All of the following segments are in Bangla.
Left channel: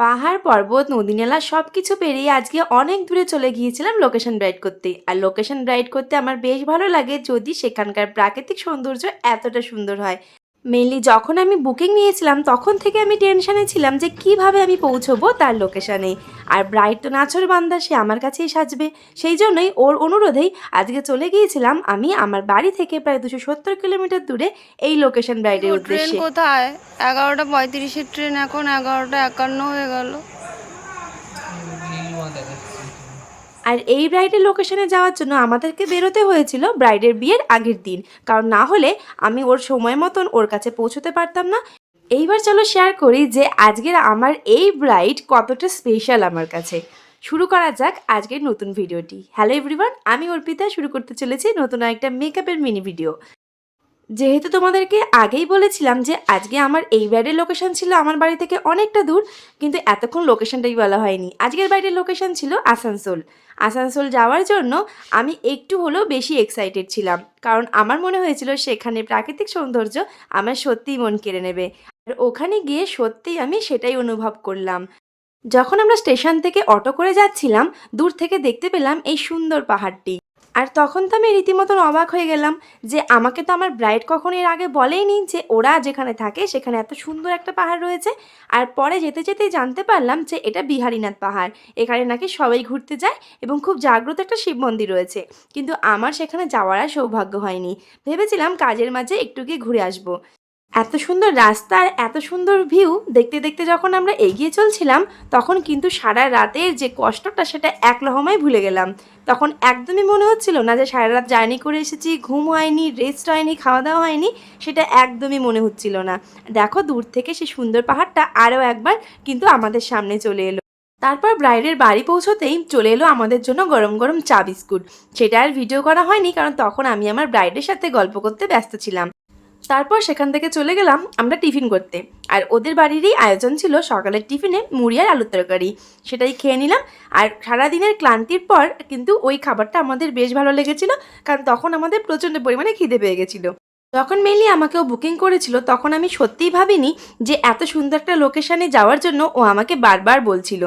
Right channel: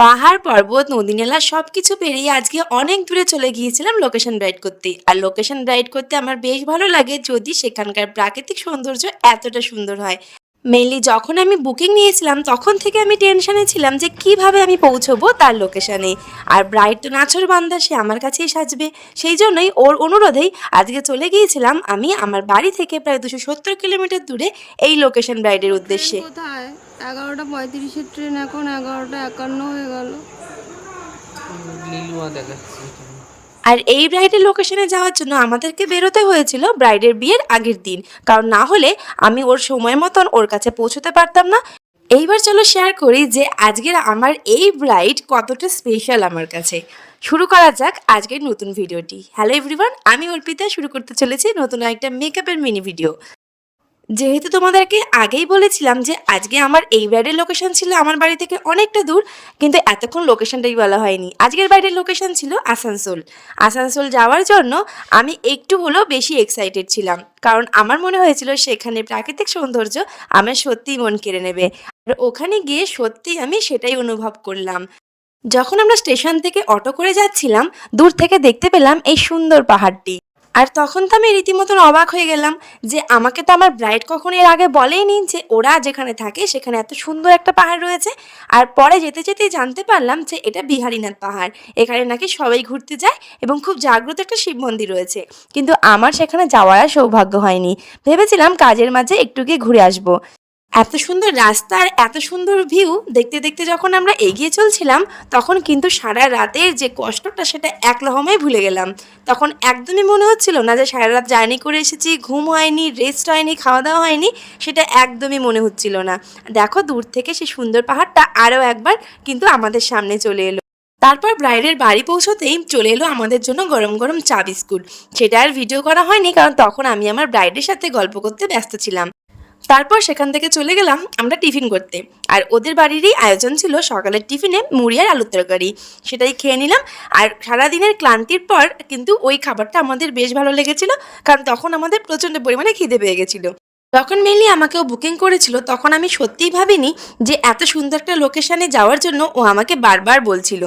পাহাড়, পর্বত নদী নালা সব কিছু পেরিয়ে আজকে অনেক দূরে চলে গিয়েছিলাম লোকেশন রাইড করতে। আর লোকেশন রাইড করতে আমার বেশ ভালো লাগে যদি সেখানকার প্রাকৃতিক সৌন্দর্য এতটা সুন্দর হয়। মেনলি যখন আমি বুকিং নিয়েছিলাম তখন থেকে আমি টেনশনে ছিলাম যে কীভাবে আমি পৌঁছবো তার লোকেশানে আর ব্রাইড তো নাচর বান্দা সে আমার কাছেই সাজবে। সেই জন্যই ওর অনুরোধেই আজকে চলে গিয়েছিলাম আমি আমার বাড়ি থেকে প্রায় দুশো সত্তর কিলোমিটার দূরে এই লোকেশন ব্রাইডের উদ্দেশ্যে। কোথায়? এগারোটা পঁয়ত্রিশের ট্রেন এখন এগারোটা একান্ন হয়ে গেল। আর এই ব্রাইডের লোকেশনে যাওয়ার জন্য আমাদেরকে বেরোতে হয়েছিল ব্রাইডের বিয়ের আগের দিন। কারণ না হলে আমি ওর সময় মতন ওর কাছে পৌঁছতে পারতাম না। এইবার চলো শেয়ার করি যে আজকের আমার এই ব্রাইড কতটা স্পেশাল আমার কাছে। শুরু করা যাক আজকের নতুন ভিডিওটি হ্যালো এভরিওয়ান আমি অর্পিতা। শুরু করতে চলেছি নতুন একটা মেকআপের মিনি ভিডিও যেহেতু তোমাদেরকে আগেই বলেছিলাম যে আজকে আমার এই ব্রাইডের লোকেশন ছিল আমার বাড়ি থেকে অনেকটা দূর, কিন্তু এতক্ষণ লোকেশনটাই বলা হয়নি। আজকের বাইরের লোকেশন ছিল আসানসোল। আসানসোল যাওয়ার জন্য আমি একটু হলেও বেশি এক্সাইটেড ছিলাম। কারণ আমার মনে হয়েছিল সেখানে প্রাকৃতিক সৌন্দর্য আমার সত্যিই মন কেড়ে নেবে। আর ওখানে গিয়ে সত্যিই আমি সেটাই অনুভব করলাম। যখন আমরা স্টেশন থেকে অটো করে যাচ্ছিলাম, দূর থেকে দেখতে পেলাম এই সুন্দর পাহাড়টি। আর তখন তো আমি রীতিমতন অবাক হয়ে গেলাম যে আমাকে তো আমার ব্রাইড কখন এর আগে বলেইনি যে ওরা যেখানে থাকে সেখানে এত সুন্দর একটা পাহাড় রয়েছে। আর পরে যেতে যেতেই জানতে পারলাম যে এটা বিহারীনাথ পাহাড়। এখানে নাকি সবাই ঘুরতে যায় এবং খুব জাগ্রত একটা শিব মন্দির রয়েছে। কিন্তু আমার সেখানে যাওয়ার সৌভাগ্য হয়নি। ভেবেছিলাম কাজের মাঝে একটু গিয়ে ঘুরে আসব। এত সুন্দর রাস্তা আর এত সুন্দর ভিউ দেখতে দেখতে যখন আমরা এগিয়ে চলছিলাম, তখন কিন্তু সারা রাতের যে কষ্টটা সেটা এক লহমায় ভুলে গেলাম। তখন একদমই মনে হচ্ছিল না যে সারা রাত জার্নি করে এসেছি, ঘুম হয়নি রেস্ট হয়নি খাওয়া দাওয়া হয়নি, সেটা একদমই মনে হচ্ছিল না। দেখো দূর থেকে সেই সুন্দর পাহাড়টা আরও একবার কিন্তু আমাদের সামনে চলে এলো। তারপর ব্রাইডের বাড়ি পৌঁছতেই চলে এলো আমাদের জন্য গরম গরম চা বিস্কুট। সেটা আর ভিডিও করা হয়নি, কারণ তখন আমি আমার ব্রাইডের সাথে গল্প করতে ব্যস্ত ছিলাম। তারপর সেখান থেকে চলে গেলাম আমরা টিফিন করতে। আর ওদের বাড়িরই আয়োজন ছিল সকালের টিফিনে মুড়ি আর আলুর তরকারি। সেটাই খেয়ে নিলাম। আর সারাদিনের ক্লান্তির পর কিন্তু ওই খাবারটা আমাদের বেশ ভালো লেগেছিল, কারণ তখন আমাদের প্রচণ্ড পরিমাণে খিদে পেয়ে গেছিল। যখন মেনলি আমাকেও বুকিং করেছিল, তখন আমি সত্যিই ভাবিনি যে এত সুন্দর একটা লোকেশানে যাওয়ার জন্য ও আমাকে বারবার বলছিল।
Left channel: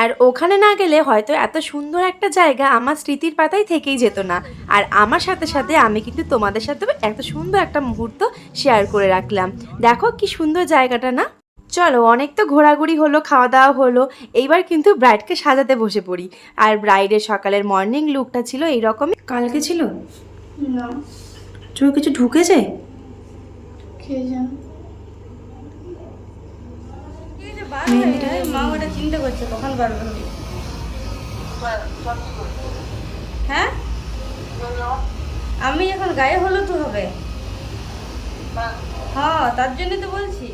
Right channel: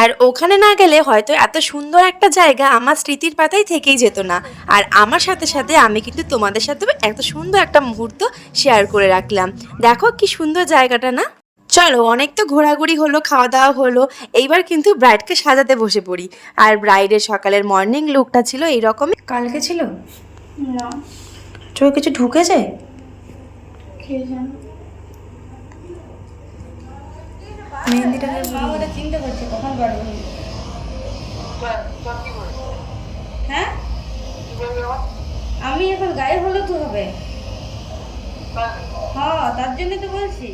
আর ওখানে না গেলে হয়তো এত সুন্দর একটা জায়গা আমার স্মৃতির পাতায় থেকেই যেত না। আর আমার সাথে সাথে আমি কিন্তু তোমাদের সাথে এত সুন্দর একটা মুহূর্ত শেয়ার করে রাখলাম। দেখো কি সুন্দর জায়গাটা না? চলো অনেক তো ঘোরাঘুরি হলো খাওয়া দাওয়া হলো এইবার কিন্তু ব্রাইডকে সাজাতে বসে পড়ি। আর ব্রাইডের সকালের মর্নিং লুকটা ছিল এই এইরকমই। কালকে ছিল? না। চোখ কিছু ঢুকেছে? কে জানো। মেহেন্দিটা চিন্তা পারছে কখন পারব না হ্যাঁ? আমি এখন গায়ে হলুদ হবে। হ্যাঁ। তার জন্য তো বলছি।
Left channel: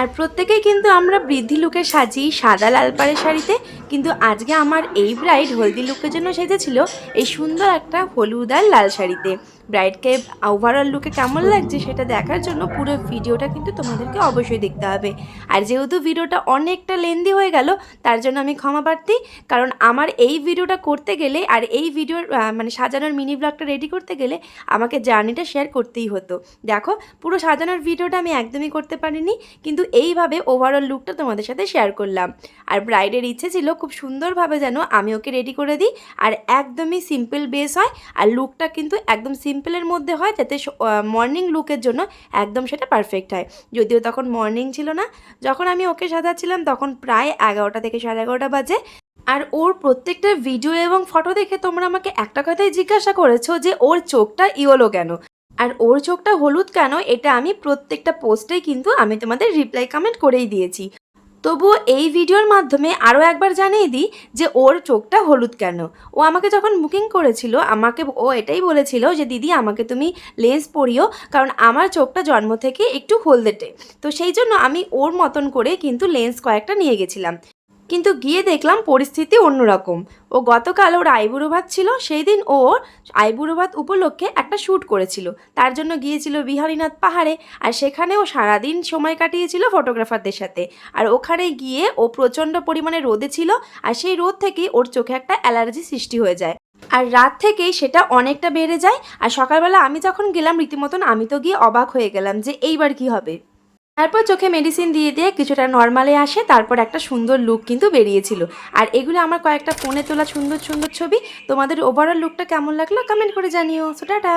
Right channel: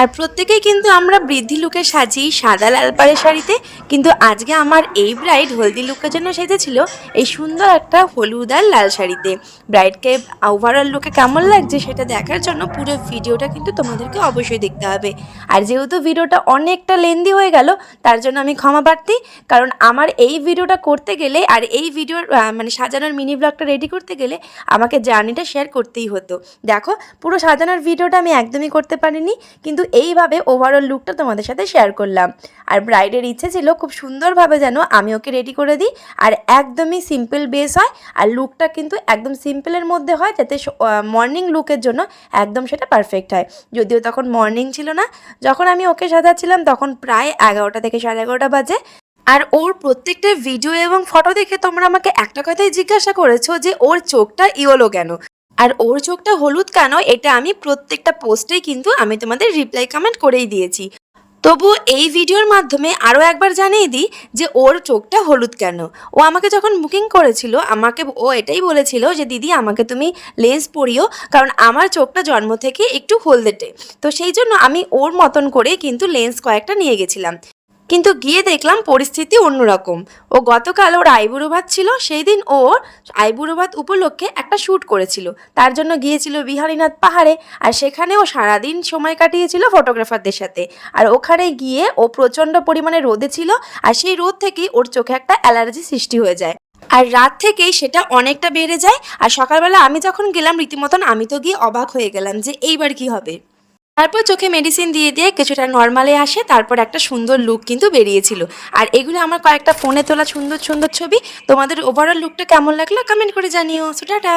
আর প্রত্যেকেই কিন্তু আমরা বৃদ্ধি লুকে সাজি সাদা লাল পাড়ের শাড়িতে, কিন্তু আজকে আমার এই ব্রাইড হলদি লুকের জন্য সেজেছিল এই সুন্দর একটা হলুদ আর লাল শাড়িতে। ব্রাইডকে ওভারঅল লুকে কেমন লাগছে সেটা দেখার জন্য পুরো ভিডিওটা কিন্তু তোমাদেরকে অবশ্যই দেখতে হবে। আর যেহেতু ভিডিওটা অনেকটা লেন্দি হয়ে গেল, তার জন্য আমি ক্ষমা প্রার্থী, কারণ আমার এই ভিডিওটা করতে গেলে আর এই ভিডিওর মানে সাজানোর মিনি ব্লগটা রেডি করতে গেলে আমাকে জার্নিটা শেয়ার করতেই হতো। দেখো, পুরো সাজানোর ভিডিওটা আমি একদমই করতে পারিনি, কিন্তু এইভাবে ওভারঅল লুকটা তোমাদের সাথে শেয়ার করলাম। আর ব্রাইডের ইচ্ছে ছিল খুব সুন্দরভাবে যেন আমি ওকে রেডি করে দিই, আর একদমই সিম্পল বেস হয়, আর লুকটা কিন্তু একদম সিম্পলের মধ্যে হয় যাতে মর্নিং লুকের জন্য একদম সেটা পারফেক্ট হয়। যদিও তখন মর্নিং ছিল না, যখন আমি ওকে সাজাচ্ছিলাম তখন প্রায় এগারোটা থেকে সাড়ে এগারোটা বাজে। আর ওর প্রত্যেকটা ভিডিও এবং ফটো দেখে তোমরা আমাকে একটা কথাই জিজ্ঞাসা করেছ যে ওর চোখটা ইয়েলো কেন? আর ওর চোখটা হলুদ কেন, এটা আমি প্রত্যেকটা পোস্টেই কিন্তু আমি তোমাদের রিপ্লাই কমেন্ট করেই দিয়েছি। তবু এই ভিডিওর মাধ্যমে আরও একবার জানিয়ে দিই যে ওর চোখটা হলুদ কেন। ও আমাকে যখন বুকিং করেছিল, আমাকে ও এটাই বলেছিল যে, দিদি, আমাকে তুমি লেন্স পরিও, কারণ আমার চোখটা জন্ম থেকে একটু হলদেটে তো। সেই জন্য আমি ওর মতন করে কিন্তু লেন্স কয়েকটা নিয়ে গেছিলাম। কিন্তু গিয়ে দেখলাম পরিস্থিতি অন্যরকম। ও গতকাল ওর আইবুড়ো ভাত ছিল সেই দিন ও আইবুড়ো ভাত উপলক্ষে একটা শ্যুট করেছিল। তার জন্য গিয়েছিল বিহারীনাথ পাহাড়ে আর সেখানে ও সারাদিন সময় কাটিয়েছিল ফটোগ্রাফারদের সাথে। আর ওখানে গিয়ে ও প্রচণ্ড পরিমাণে রোদে ছিল আর সেই রোদ থেকেই ওর চোখে একটা অ্যালার্জি সৃষ্টি হয়ে যায়। আর রাত থেকেই সেটা অনেকটা বেড়ে যায়। আর সকালবেলা আমি যখন গেলাম রীতিমতন আমি তো গিয়ে অবাক হয়ে গেলাম যে এইবার কি হবে। তারপর চোখে মেডিসিন দিয়ে দিয়ে কিছুটা নর্মালে আসে, তারপর একটা সুন্দর লুক কিন্তু বেরিয়েছিল। আর এগুলো আমার কয়েকটা ফোনে তোলা সুন্দর সুন্দর ছবি। তোমাদের ওভারঅল লুকটা কেমন লাগল? কমেন্ট করে জানিও। So tata